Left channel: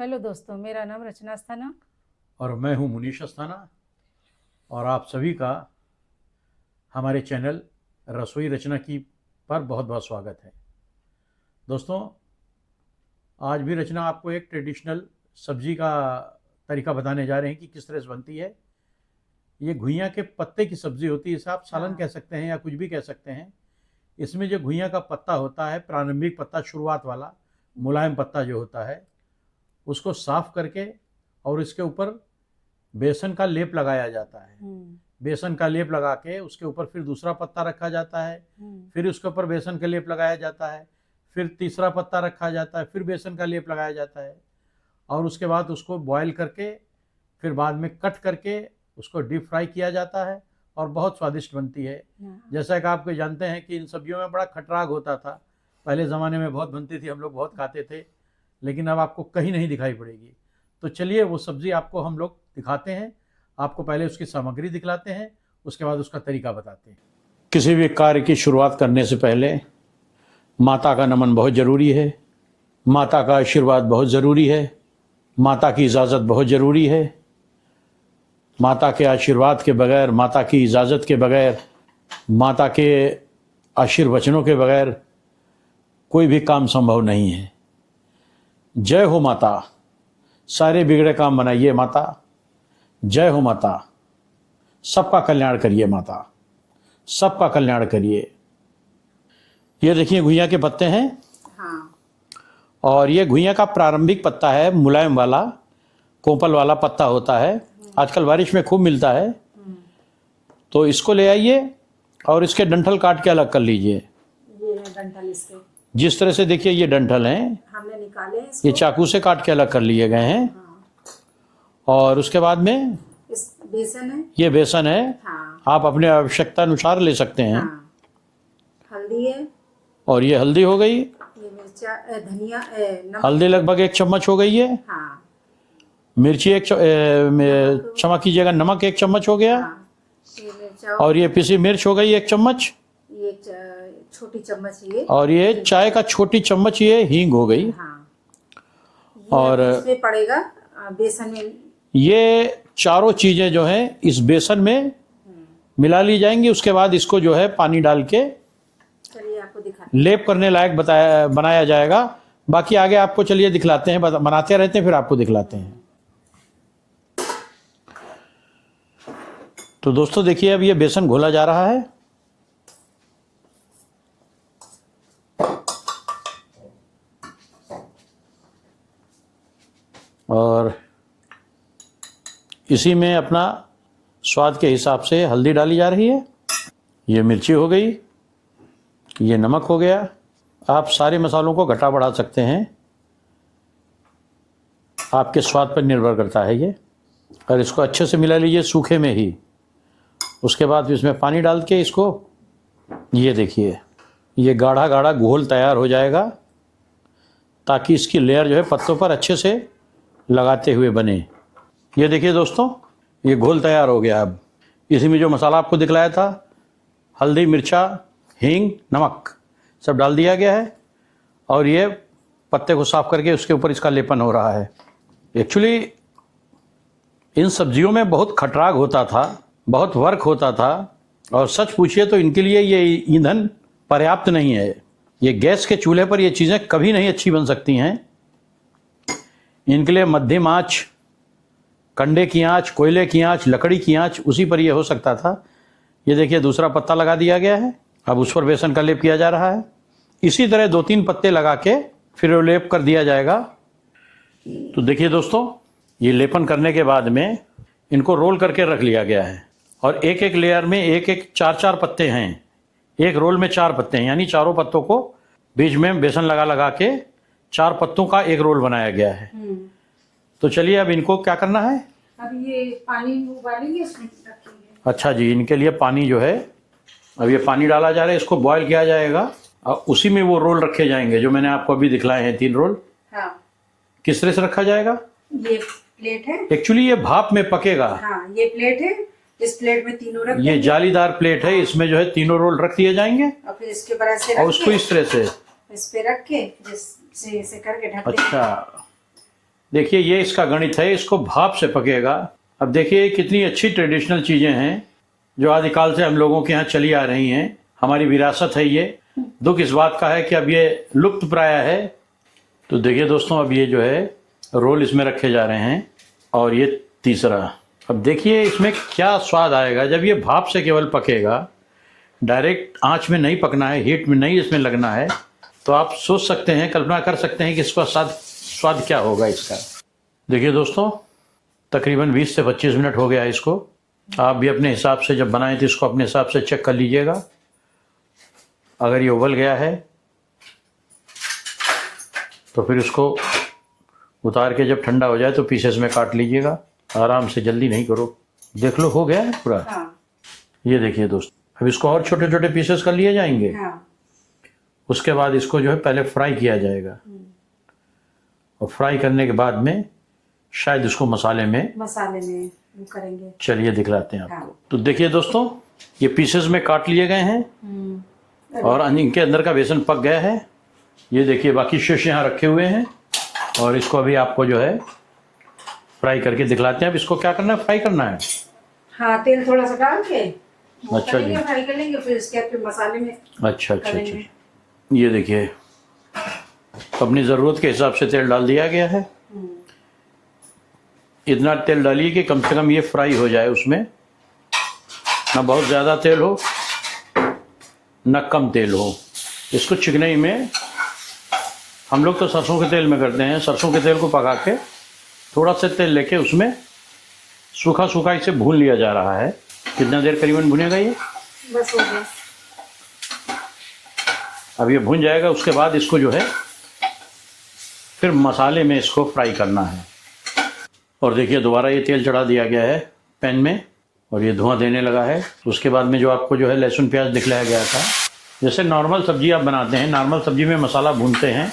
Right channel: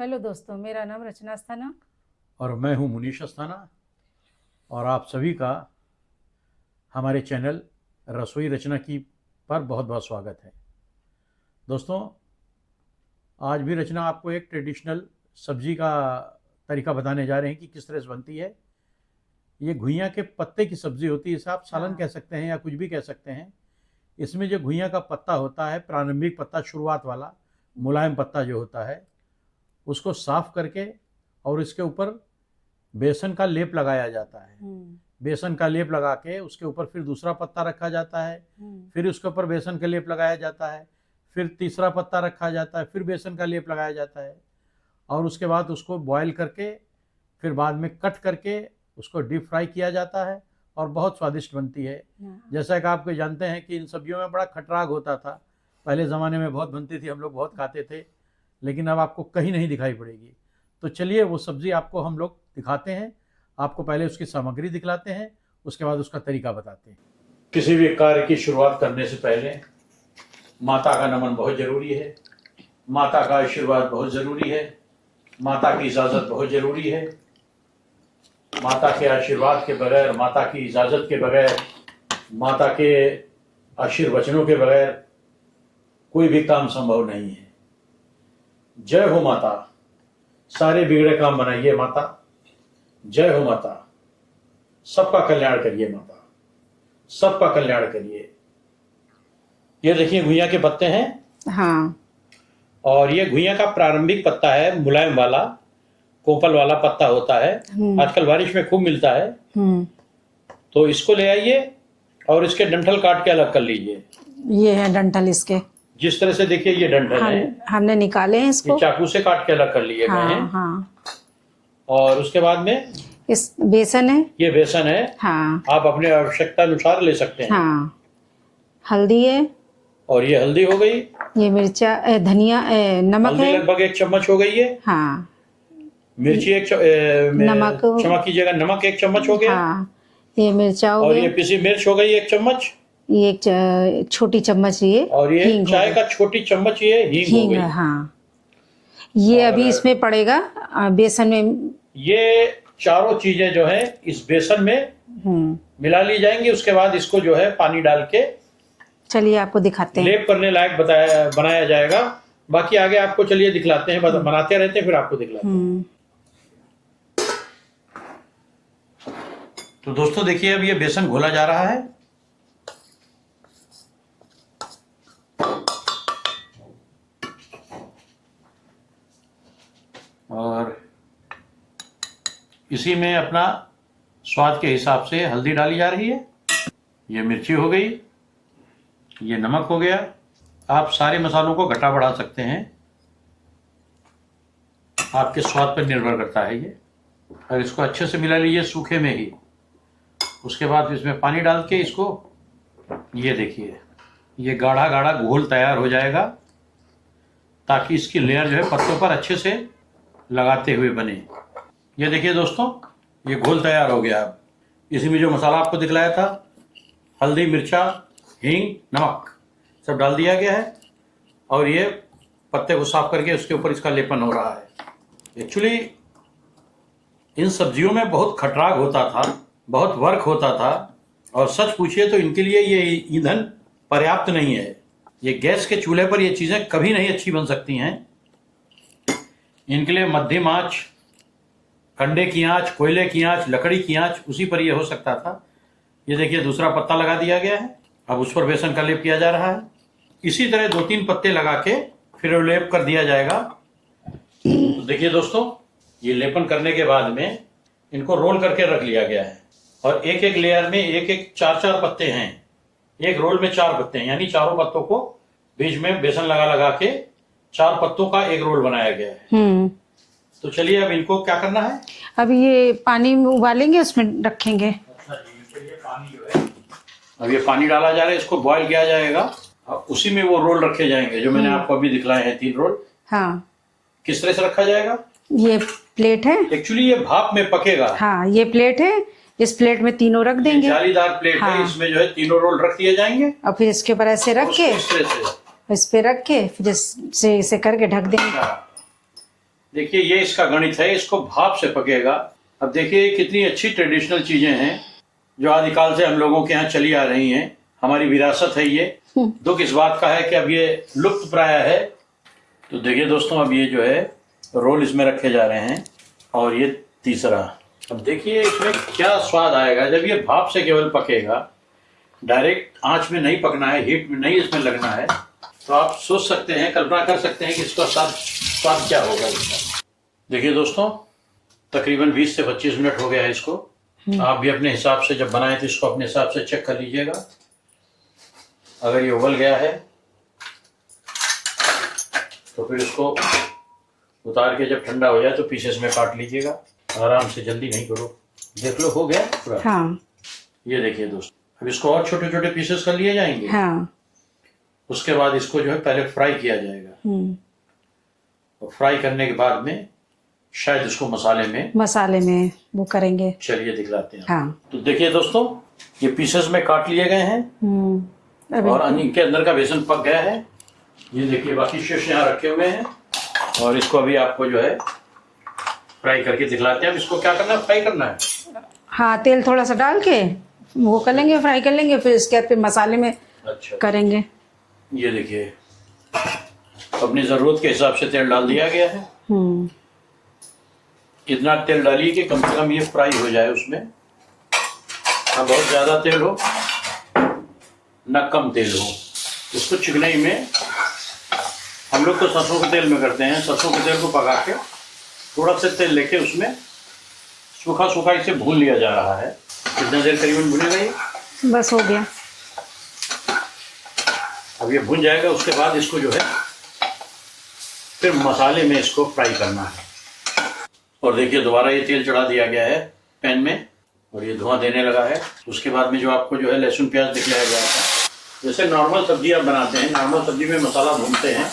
Hello दोस्तों, मेरा नाम रचना अस्थाना और मैं हूं मुनीश अस्थाना और आप सभी का हमारे चैनल रसोई रचना की पर बहुत बहुत स्वागत है। दोस्तों, आज भी रचना आपको एक ट्रेडिशनल सब्जी का तरीका बताने जा रहे हैं कि किस तरह से बनती है। ये घुइयाँ के पत्ते की सब्ज़ी होती है, इसे आप सालन कह सकते हैं या कुछ भी कह सकते हैं। इसमें जो घुइयाँ का पत्ता होता है, प्रारंभिक पत्ता, शुरुआत वाला मुलायम पत्ता जो होता है, उसको साफ़ करके और इसके ऊपर बेसन का लेप लगाया जाता है। बेसन का लेप लगा के उसके ऊपर फिर दूसरा पत्ता रखा जाता है, फिर उसके ऊपर बेसन का लेप लगाया जाता है, फिर तीसरा पत्ता रखा जाता है, फिर बेसन का लेप लगाया जाता है और उसके बाद उसको बॉयल करके फिर बाद में कट करके उसको डीप फ्राई किया जाता है और बहुत स्वादिष्ट बनती है। जैसा कि आप जानते हैं कि इन सब्जियों में बड़ा खटराग होता था, पहले ज़माने में बहुत बनती थी, हम लोग बहुत खाते थे, लेकिन अब आपको कहीं नहीं दिखाई पड़ेगी। तो चलिए वो सब्ज़ी आपको हम लोग दिखाते हैं। आपको पहले उसकी सामग्री दिखलाते हैं, उसके बाद उसका तरीका बताते हैं। किसी भी कार्य की शुरुआत करने से पहले माता का नमन बहुत ज़रूरी है, माता का आशीर्वाद बहुत ज़रूरी है, माता की इजाज़त बहुत ज़रूरी है। माता के आशीर्वाद के बगैर, माता की इजाज़त के बगैर, माता के आशीर्वचनों के बगैर कोई भी काम संभव नहीं है। जय हो माता, सारे बिगड़े काम बनाइए माता। जय हो माता, सबका कल्याण करिए माता, सबका कल्याण करिए। ये देखिए घुइयाँ के पत्ते हैं। हाँ, और ये घुइयाँ का प्रारंभिक पत्ता है, मुलायम वाला कोपल वाला पत्ता होता है, आजकल बारिश में खूब मिलता है। तो इसको ले आइए और इसके डंठल काट के अलग कर लीजिए। ये है डंठल इसके, जिस तरह से देखिए ये डंठल हैं, हमने निकाले हैं इसको। ये चाकू से काट के अलग कर लिए गए हैं। हाँ। और उसके बाद में इस बेसन है, ये बेसन है। हाँ। आप अपने आवश्यकता अनुसार ले सकते हैं। हाँ। हल्दी है, और ये हल्दी हो गई। ये मिर्चा, धनिया, नमक हल्दी है। लगभग 1 चम्मच हो गई है। हाँ। मिर्ची क्षमा कीजिएगा, नमक 1 चम्मच हो गया। हाँ। ये मिर्चा हो और गया। ये पिसी मिर्च हो गई 1 चम्मच। ये एक छोटी चम्मच ये। और ये चाय का छोटी चम्मच ये हींग हो गई। हाँ। ये अभी इसमें पड़ेगा बेसन में। ये चारों चीजें जो है इस बेसन में मिला ली जाएंगी। उसके बाद इसको जो है पानी डाल के, चलिए आपको दिखाते हैं, लेप करने लायक बनाया जाएगा। बाकी आगे आपको चलिए दिखलाते हैं, बनाते रहते हैं, फिर आपको दिखलाते हैं। तो दोस्तों देखिए, अब ये बेसन घोला जा रहा है। और इसी में अपना स्वाद के हिसाब से हल्दी डाली जा रही है। ये मिर्ची हो गई, ये नमक हो गया। आप सारे मसालों को घटा बढ़ा सकते हैं, आपके स्वाद पर निर्भर करता है ये। और इसको अच्छे से मिला लीजिए सूखे में ही। उसके बाद इसमें पानी डाल के इसको, ये देखिए ये गाढ़ा गाढ़ा घोल तैयार हो जाएगा, ताकि इसकी लेयर जो है पत्तों पर अच्छे से लगाते हुए बने। ये देखिए दोस्तों, ये घोल तैयार हो गया। अब इसी में जो मसाला आपको दिखलाया था, हल्दी, मिर्चा, हींग, नमक, सब डाल दिया गया है। और ये पत्ते को साफ करके उसके ऊपर इसका लेपन हो रहा है। एक्चुअली इन सब्जियों में बहुत खटराग होता था, बहुत वर्क होता था, और सच पूछिए तो इनके लिए ये ईंधन पर्याप्त नहीं है। ये गैस के चूल्हे पर ये चीज़ें कभी नहीं अच्छी बन सकती हैं। इनके लिए मध्यम आंच, कंडे की आंच, कोयले की आंच, लकड़ी की आंच, उसी पर ये हो सकता था। ये देखिए दूसरा पत्ता लगा दिया गया है। अब उस पर बेसन का लेप किया जा रहा है। इसी तरह 2-3 पत्ते लगा के फिर वो लेप कर दिया जाएगा। तो देखिए दोस्तों, ये लेपन करने के बाद में इनको रोल करके रख लिया गया है। और एक एक लेयर में एक 4-4 पत्ते हैं। एक रोल में 4 पत्ते हैं, यानी चारों पत्तों को बीच में बेसन लगा लगा के 4 पत्तों का एक रोल बनाया गया है। तो चलिए अब इनको क्या करना है, अब ये पानी में उबालेंगे, उसमें रखेंगे। अच्छा जी, इनके लिए पानी जो है, अब ये पानी डाला जा रहा है, इसको बॉईल किया जाएगा और उसी में वो रोल रखे जाएंगे जो मैंने आपको अभी दिखलाए हैं 3 रोल। हाँ। किस तरह से रखा जाएगा? ये प्लेट है, एक्चुअली ये भाप में पकेगा। हाँ, ये प्लेट है, इस प्लेट में तीनों रख देंगे। ये जालीदार प्लेट है, इसमें जो है 3 रोल रख दिए जाएंगे। और फिर इसके ऊपर ऐसे रख उसको के, इस तरह से इस पे रख के फिर इसे करके ढक देंगे। अच्छा, देखिए ये इसका गणित है, इसको भाप से पकेगा। अब देखिए कितनी अच्छी ट्रेडिशनल चीज़ें हैं जो आदिकाल से हम लोगों के यहाँ चली आ रही हैं, हमारी विरासत है ये। दुख इस बात का है कि अब ये लुप्त प्राय है। तो देखिए दोस्तों, अब ये जो है रोल इसमें रखे जा रहे हैं और ये तीसरा। अब देखिए इसमें क्या स्वाद आएगा जब ये भाप से केवल पकेगा, डायरेक्ट आंच में नहीं पकना है, हीट में नहीं इसमें लगना है। तो आप सोच सकते हैं, कल्पना कर सकते हैं कि इसका स्वाद क्या होगा इसका। देखिए दोस्तों, तकरीबन 20 से 25 मिनट हो गया है इसको। आप भी अपने हिसाब से जब बनाए थे इसको अपने हिसाब से चेक कर लीजिएगा। अगर ये उबल गया है तो फिर इसको उतार के जब ठंडा हो जाए तो पीसेस में काट लीजिएगा। आराम से, जल्दी नहीं करो। देख लो हो गया है पूरा। हाँ। ये देखिए दोस्तों, अब इसको और छोटे छोटे पीसेस कर लिए जाएंगे। हाँ। उसके बाद इसको जो है पहले फ्राई किया जाएगा और फ्राई करने के बाद में शायद इसको मसाले में वो करेंगे। चलिए दिखलाते हैं आपको। हाँ। तो देखिए दोस्तों, ये पीसेस में काट लिए गए हैं और इनके अंदर का बेसन पक गया है। ये देखिए बाकी शेष यहाँ रखे हुए हैं और इसको अभी आपको जो है फ्राई करके दिखलाते हैं। अब इसको क्या करना है, फ्राई करना है। हाँ, तेल थोड़ा सा डाल के वो अच्छा करेंगे, जी। फ्राई कर लेंगे, फिर इसके बाद मसाले में अच्छा करेंगे। ये देखिए अपनी ज़रूरत के हिसाब से तेल डाल दिया गया है। इतना तेल डालिए कि कम से कम ये फ्राई हो जाए, उसमें ना बहुत ज़्यादा तेल हो ना कम तेल हो। इसको चिकनाई में हम लोग तो सरसों के तेल में करते हैं। सरसों के तेल को पका के थोड़ा सा तेल लेके उसमें सूखा सूखा इसे भून लिया जा रहा है। कितना देर करीबन भुनेगा ये? बस हो गया। अब ये भुन जाएगा, उसके बाद इसको जो है फिर मसाले में इसको फ्राई करना है। और देखिए दोबारा ये तेल चढ़ा दिया गया है पैन में और ये धुआं देने लगा है। उसके बाद में जो आपको जो है लहसुन प्याज दिखलाया गया था, जैसे नॉर्मल सब्जी आप बनाते हैं, नॉर्मल सब्जी में मसाला भूनते हैं,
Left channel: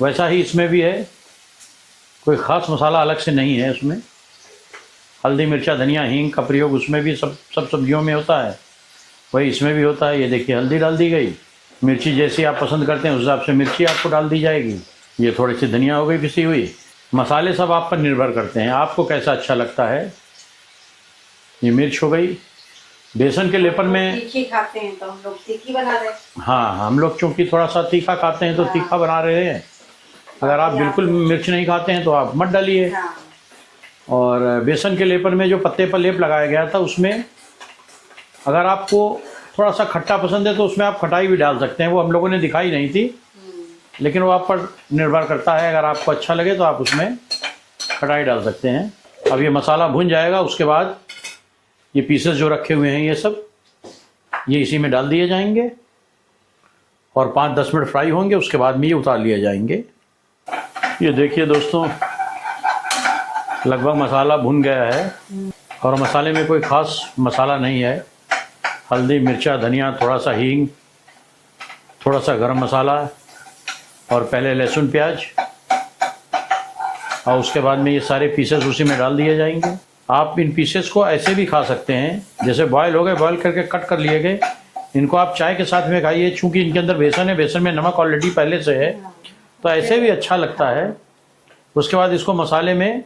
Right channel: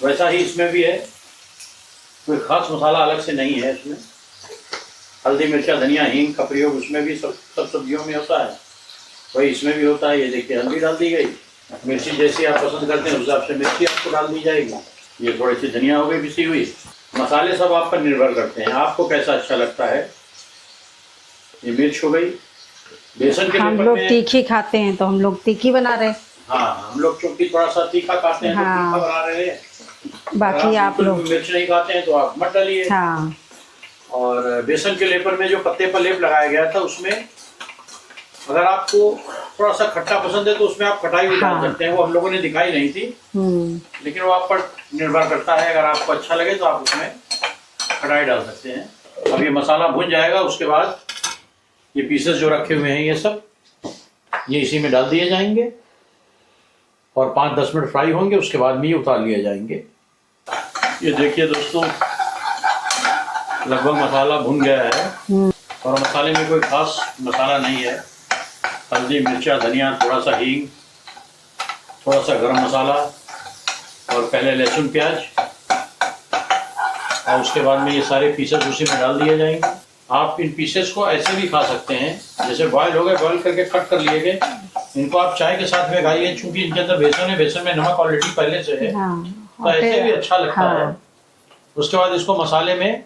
वैसा ही इसमें भी है। कोई ख़ास मसाला अलग से नहीं है इसमें। हल्दी मिर्चा धनिया हींग का प्रयोग उसमें भी सब सब्जियों में होता है, वही इसमें भी होता है। ये देखिए हल्दी डाल दी गई, मिर्ची जैसी आप पसंद करते हैं उस हिसाब से मिर्ची आपको डाल दी जाएगी। ये थोड़ी सी धनिया हो गई पिसी हुई। मसाले सब आप पर निर्भर करते हैं, आपको कैसा अच्छा लगता है। ये मिर्च हो गई। बेसन के लेपर में तीखी खाते हैं तो हम लोग तीखी बना रहे हैं। हाँ, हम लोग चूंकि थोड़ा सा तीखा खाते हैं तो तीखा बना रहे हैं। अगर आप बिल्कुल मिर्च नहीं खाते हैं तो आप मत डालिए। हाँ। और बेसन के लेपर में जो पत्ते पर लेप लगाया गया था, उसमें अगर आपको थोड़ा सा खट्टा पसंद है तो उसमें आप खटाई भी डाल सकते हैं। वो हम लोगों ने दिखाई नहीं थी, लेकिन वो आप पर निर्भर करता है। अगर आपको अच्छा लगे तो आप उसमें खटाई डाल सकते हैं। अब ये मसाला भुन जाएगा, उसके बाद ये पीसेस जो रखे हुए हैं ये सब ये इसी में डाल दिए जाएंगे और 5-10 मिनट फ्राई होंगे। उसके बाद में ये उतार लिए जाएंगे। ये देखिए दोस्तों, लगभग मसाला भुन गया है और मसाले में कोई ख़ास मसाला नहीं है। हल्दी मिर्चा धनिया, थोड़ा सा हींग, थोड़ा सा गरम मसाला और पहले लहसुन प्याज और उसके बाद में ये सारे पीसेस उसी में डाल दिए जाएंगे। आप इन पीसेस को ऐसे भी खा सकते हैं, जैसे बॉयल हो गए, बॉयल करके कट कर लिए गए। इनको आप चाय के साथ में खाइए, चूँकि इनके अंदर बेसन है, बेसन में नमक ऑलरेडी पहले से है, तो ऐसे भी अच्छा लगता है। उसके बाद इसको मसाले में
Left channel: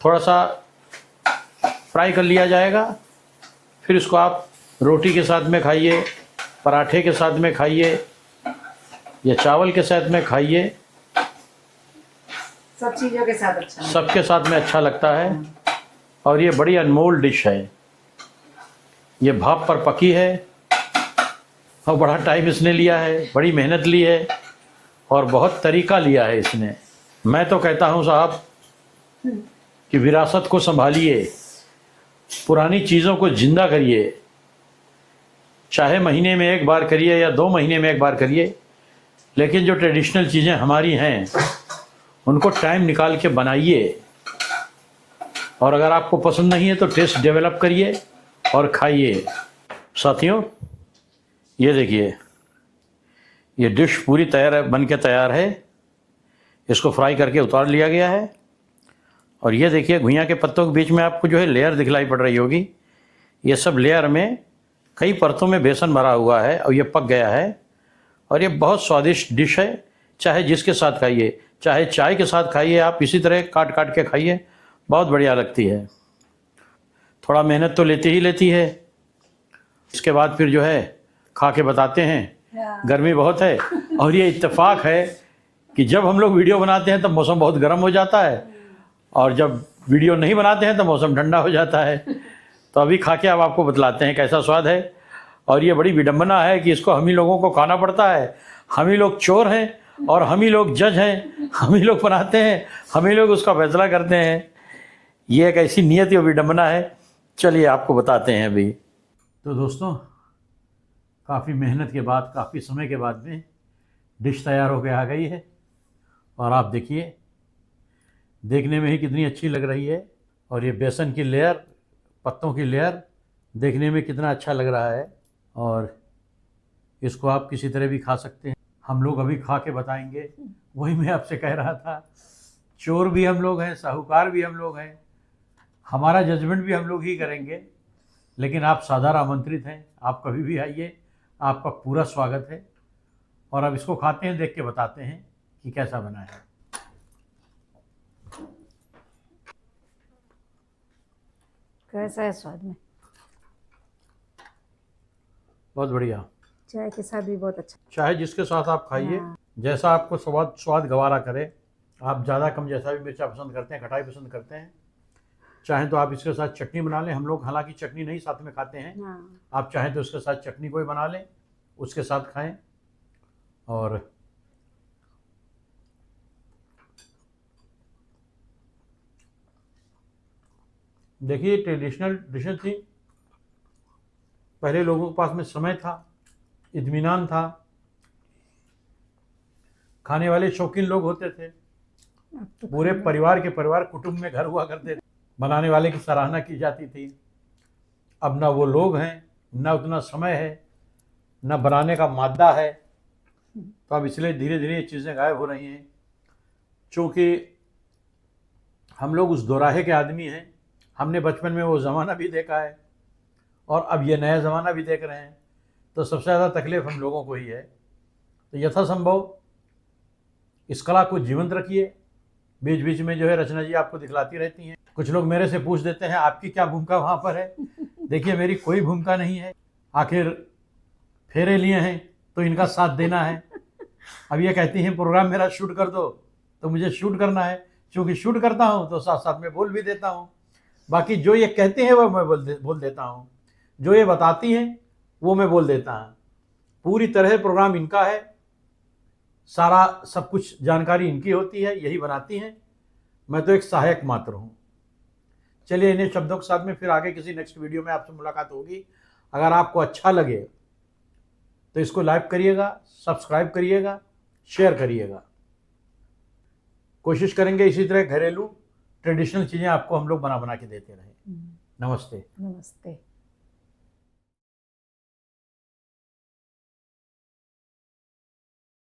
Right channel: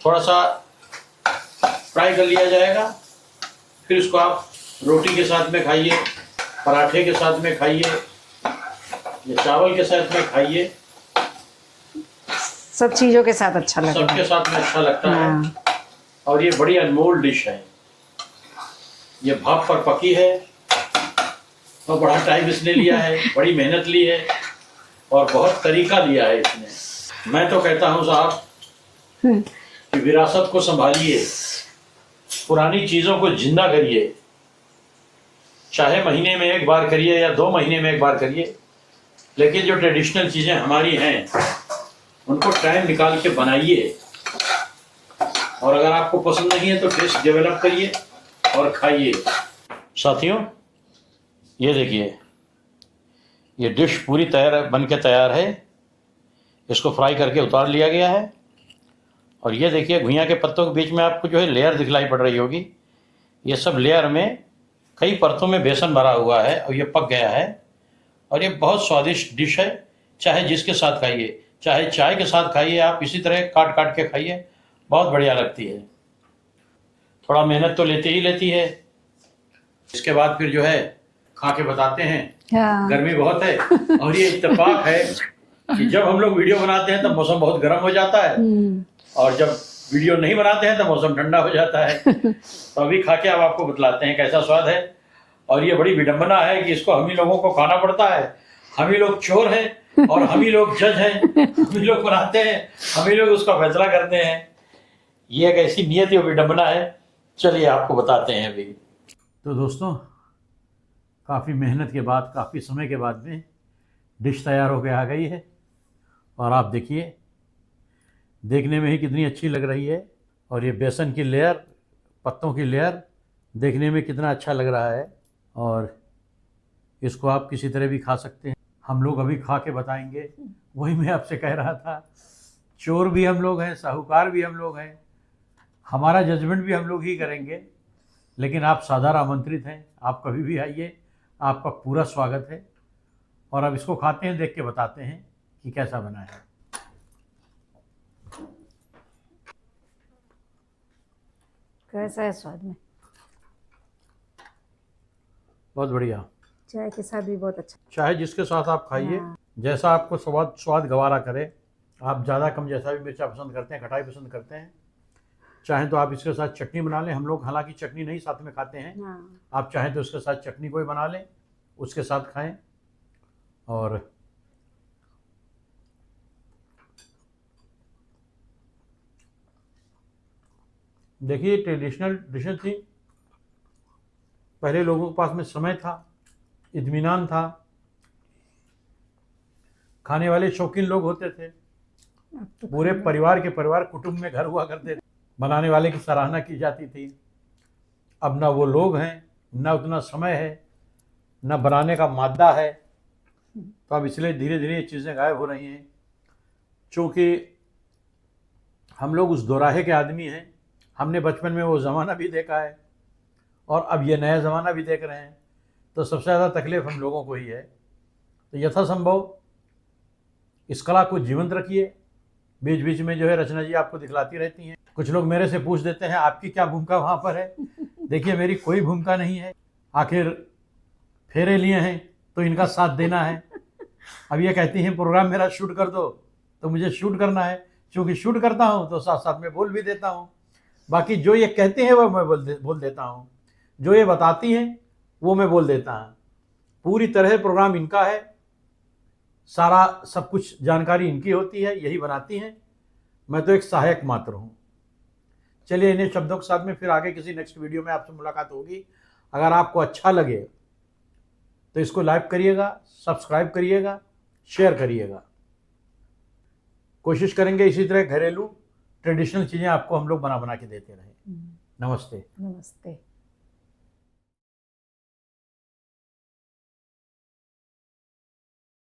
थोड़ा सा फ्राई कर लिया जाएगा। फिर इसको आप रोटी के साथ में खाइए, पराठे के साथ में खाइए या चावल के साथ में खाइए, सब चीज़ों के साथ अच्छा लगता है। सबके साथ में अच्छा लगता है। और ये बड़ी अनमोल डिश है। ये भाप पर पकी है और बड़ा टाइम इसने लिया है, बड़ी मेहनत ली है और बहुत तरीका लिया है इसने। मैं तो कहता हूँ साहब कि विरासत को संभालिए, पुरानी चीज़ों को जिंदा करिए। चाहे महीने में एक बार करिए या 2 महीने में एक बार करिए, लेकिन जो ट्रेडिशनल चीज़ें हमारी हैं उनको टाइम निकाल के बनाइए। और अगर आपको पसंद नहीं है तो टेस्ट डेवलप करिए और खाइए। साथियों, ये देखिए ये डिश पूरी बन के तैयार है। इसको फ्राई करके उतार लिया गया है और ये देखिए घुइयां के पत्तों के बीच में आपको जो है लेयर दिखलाई पड़ रही होगी। ये सब लेयर में कई परतों में बेसन भरा हुआ है और ये पक गया है और ये बहुत स्वादिष्ट डिश है। चाहे जिसके साथ खाइए, चाहे चाय के साथ खाइए, आप इसी तरह काट काट के खाइए, बहुत बढ़िया लगती है। थोड़ा मेहनत तो लेती ही लेती है। इसके बाद फिर जो है खा के बताते हैं। हाँ। गर्मी बहुत है और ये इत्तेफाक है कि जब हम लोग वीडियो बनाते हैं तब मौसम बहुत गर्म हो जाता है और जब वीडियो नहीं बनाते हैं तो मौसम ठंडा हो जाता है। तो अभी खा के हम आपको बतलाते हैं कैसा स्वाद है। और ये बड़ी विडंबना है कि इसको हम ही लोगों को खाना पड़ता है। हम ही लोग चोर हैं और हम ही लोग जज हैं, हम ही लोग बनाते हैं, हम ही लोग उसका फैसला करते हैं। ये एक ऐसी नियत या विडंबना है। चलिए आपको बताते हैं अभी। तो दोस्तों, काफ़ी मेहनत के बाद, काफ़ी समय के बाद में डिश तैयार होकर आ गई है और आप देखिए, देखने में ही कितनी अच्छी लग रही है। और ये बेसन की लेयर, पत्तों की लेयर देखने में कितना अच्छा लग रहा है। और इसको आप किसी तरह भी खा सकते हैं। हम लोग अभी खा के बताएंगे। वही मैं आपसे कह रहा था, चोर भी हम लोग हैं, साहूकार भी हम लोग हैं, हमारा जजमेंट भी हम लोग ही करेंगे। लेकिन आप सादर आमंत्रित हैं, आप कभी भी आइए, आपका पूरा स्वागत है। और अब इसको खाते हैं, देख के बताते हैं कि कैसा बना है। कैसा है स्वाद में? बहुत बढ़िया। चाय के साथ भी बहुत अच्छा। चाहे जिसके साथ आप खाइए, जैसा आपको स्वाद गवारा करे। आप ज़्यादा कम जैसा भी मिर्चा पसंद करते हैं, खटाई पसंद करते हैं, चाहें तो आप इसके साथ चटनी बना लें। हम लोग हालांकि चटनी नहीं साथ में खाते हैं। आप चाहें तो उसके साथ चटनी कोई बना लें, उसके साथ खाएं। और देखिए, ट्रेडिशनल डिशेज थी। पहले लोगों के पास में समय था, इत्मीनान था, खाने वाले शौकीन लोग होते थे। पूरे परिवार के परिवार कुटुंब में घर हुआ करते थे, बनाने वाले की सराहना की जाती थी। अब ना वो लोग हैं, ना उतना समय है, ना बनाने का मादा है। तो अब इसलिए धीरे धीरे ये चीज़ें गायब हो रही हैं। चूँकि हम लोग उस दोराहे के आदमी हैं, हमने बचपन में वो ज़माना भी देखा है और अब ये नया ज़माना भी देख रहे हैं। तो सबसे ज़्यादा तकलीफ़ हम लोगों को ही है। तो यथासंभव इस कला को जीवंत रखिए। बीच बीच में जो है रचना जी आपको दिखलाती रहती हैं। कुछ लोग मेरे से पूछ देते हैं आपकी क्या भूमिका वहाँ पर है। देखिए, मेरी कोई भूमिका नहीं है। आखिर फेरे लिए हैं तो इनका साथ देना है। अब ये कहती हैं प्रोग्राम मेरा शूट कर दो, तो मुझे शूट करना है। चूँकि शूट करता हूँ तो साथ साथ में बोल भी देता हूँ। बाकी जो ये कहते हैं वो मैं बोल देता हूँ, जो ये बताती हैं वो मैं बोल देता हूँ। पूरी तरह प्रोग्राम इनका है, सारा सब कुछ जानकारी इनकी होती है, यही बनाती हैं। मैं तो एक सहायक मात्र हूँ। चलिए, इन्हीं शब्दों के साथ में फिर आगे किसी नेक्स्ट वीडियो में आपसे मुलाकात होगी। अगर आपको अच्छा लगे तो इसको लाइक करिएगा, सब्सक्राइब करिएगा, शेयर करिएगा। कोशिश करेंगे इसी तरह घरेलू ट्रेडिशनल चीज़ें आपको हम लोग बना बना के देते रहें। नमस्ते। नमस्ते।